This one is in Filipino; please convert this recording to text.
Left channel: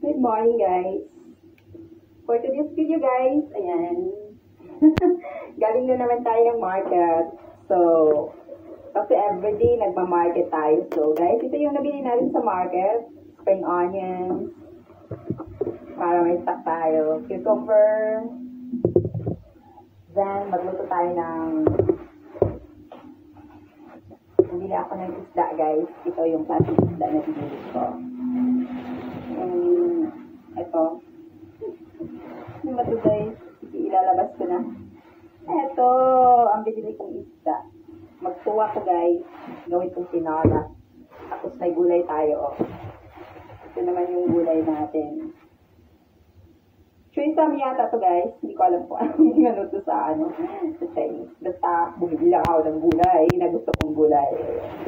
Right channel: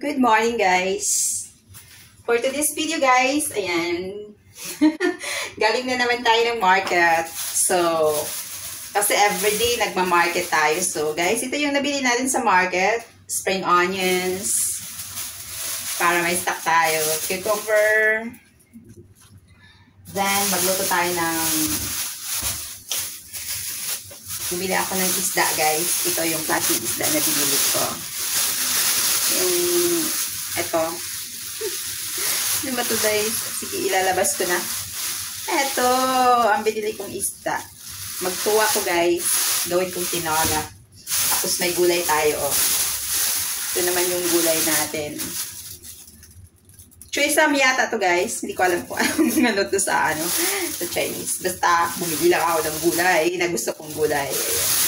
Good morning, guys. For today's video, guys, ayan. Galing na naman tayo ng market. So, kasi everyday nagma-market tayo. So, guys, ito yung nabili natin sa market. Spring onions. Para may stock tayo. Cucumber. Then, magluto tayo ng... Bumili ako ng isda, guys. Ito yung klaseng isda na binili ko. Ito. Ano ba ito, guys? Sige, ilalabas ko na. Ito, ang binili kong isda. Magtuwa ko, guys. Gawin kong tinola. Tapos may gulay tayo, oh. Ito naman yung gulay natin. Choy-sam yata to, guys. Hindi ko alam kung anong ano to sa Chinese. Basta, bumili lang ako ng gulay. Na gusto kong gulay. Ayan.